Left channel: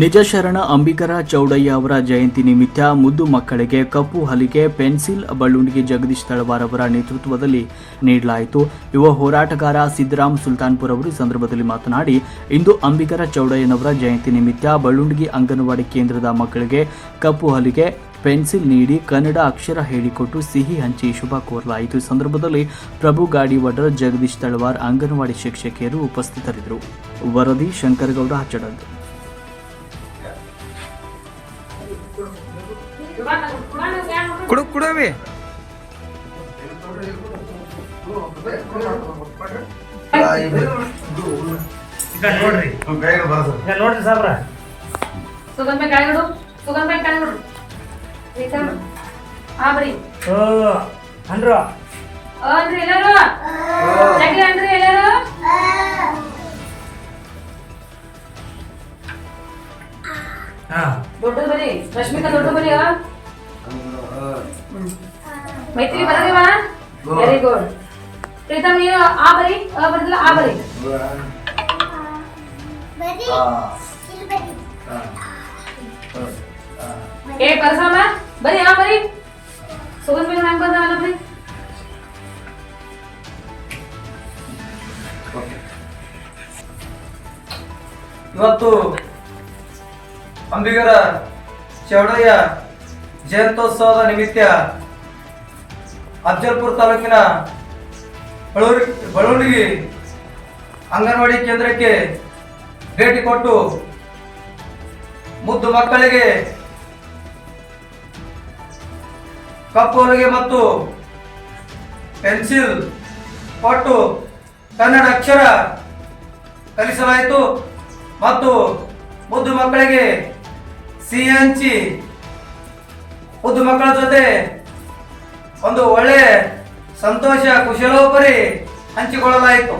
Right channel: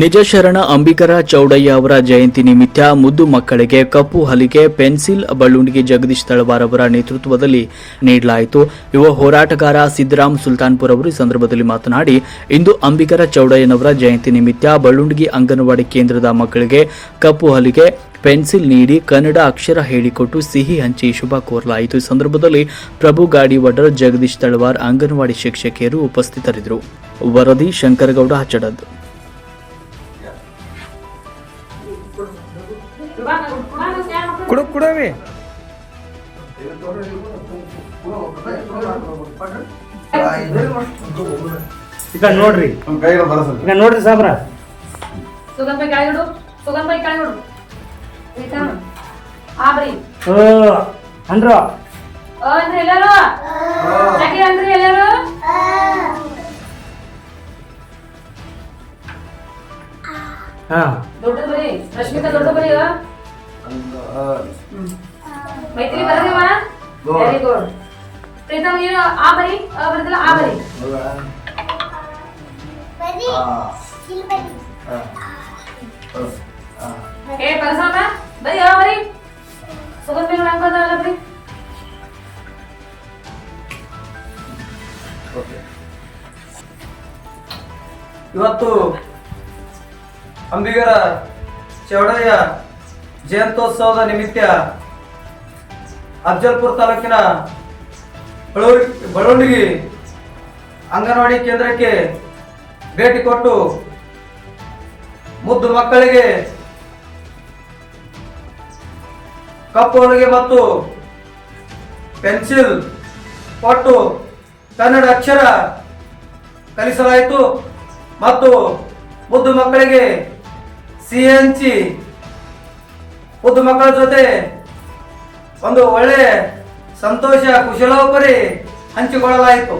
ನಿಜ ಶರಣ ಅಂಬಿಕರ ಚೌಡಯ್ಯ ಅವರ ಜಯಂತಿ ನಿಮಿತ್ತ ಮುದ್ದು ಮಕ್ಕಳಿಗೆ ಕಪ್ಪು ಹಲಿಗೆ, ಪೆನ್ಸಿಲ್ ಬಳ್ಳುಂಡಿಗೆ ಜಗದೀಶ್ ತಳವಾರ್ ಅವರ ನೇತೃತ್ವದಲ್ಲಿ ನೀಡಲಾಯಿತು. ಯುವ ಹೋರಾಟಗಾರ ಸಿದ್ದರಾಮ್ ಸುಲ್ತಾನ್ಪುರ್ ಅವರು ಈ ಸಂದರ್ಭದಲ್ಲಿ ಮಾತನಾಡಿ, ಇಂದು ಅಂಬಿಕರ ಚೌಡಯ್ಯನವರ ಜಯಂತಿ ನಿಮಿತ್ತ ಬಳ್ಳುಂಡಿಗೆ ಅಂಗನವಾಡಿ ಕೇಂದ್ರದ ಮಕ್ಕಳಿಗೆ ಕಪ್ಪು ಹಲಿಗೆ, ಪೆನ್ಸಿಲ್ ನೀಡಿ ಕನ್ನಡ ಅಕ್ಷರ ಹೇಳಿಕೊಟ್ಟು ಸಿಹಿ ಹಂಚಿ ಶುಭ ಕೋರಲಾಯಿತು. ಈ ಸಂದರ್ಭದಲ್ಲಿ ಪ್ರಭು ಗಾಡಿವಡರ್ ಜಗದೀಶ್ ತಳವಾರ್ ಅಂಗನವಾಡಿ ಶಿಕ್ಷಕಿಯರು ಉಪಸ್ಥಿತರಿದ್ದರು. ವರದಿ ಶಂಕರಗೌಡ ಹಚ್ಚಡದ್ ಕುಡು ಕುಡವಿ ಈಗ ನೋಡ್ರಿ. ಈಗ ನೋಡ್ರಿ ಸಾಬ್ರ ಸುಗಂಧ ಬಾಯಿ ಕಾಯ್ಬಿಡು ಸುಗಂಧ ಬಾಯಿ ಕಾಯ್ಬಿಡು ಆಯ್ತಾ ಆ ಬರೀ. ಅಂದ್ರ. ಅ ಅಂದ್ರೆ ಎಲ್ಲರೂ? ಅಂದ್ರೆ ಎಲ್ಲರೂ? ಹಾ. ಬರಿ ರಶ್ಮಿಕಾ ದೊಡ್ಡ ಬರೀ ಅ. ಹ್ಮ್. ಮೈತ್ರಿ ಬರಲ್ಲ ವೆರಿ ಗುಡ್ ಪ್ರೀತಮ್ ನೀವು ಆ ಬರಿ? ಆ ಬರದಲ್ಲ ಆ ಬರೀ. ಏ ಪರಸಮ್ಮ ಬರಿ ಆ ಬರೀ. ಸುಗಂಧ ಹೆಂಗ್ ಬಂದಲ್ಲ ಬರೀ. ಇವತ್ತು ಅಂಬಿಗರ ಚೌಡಯ್ಯ ಜಯಂತ್ಯೋತ್ಸವದ ನಿಮಿತ್ತ ಅಫಜಲ್ಪುರ ತಾಲೂಕಿನ ಬಳೂರಿ ಅಂಗನವಾಡಿ ಕೇಂದ್ರಕ್ಕೆ ಭೇಟಿ ಕೊಟ್ಟು ಮುದ್ದು ಮಕ್ಕಳಿಗೆ ಕಪ್ಪು ಹೊಲಿಗೆ ಮತ್ತು ಪೆನ್ಸಿಲ್ ಕೊಟ್ಟು ಕನ್ನಡ ಅಕ್ಷರ ಕಲಿಸಲಾಯಿತು ಮತ್ತು ಮುದ್ದು ಮಕ್ಕಳಿಗೆ ಸಿಹಿ ಹಂಚಿ ಉದ್ದು ಮಕ್ಕಳ ಜೊತೆ ಒಂದು ಒಳ್ಳೆ ಸಂತೋಷ ಕುಶಲೋಪರಿ ಹಂಚಿಕೊಳ್ಳಲಾಯಿತು.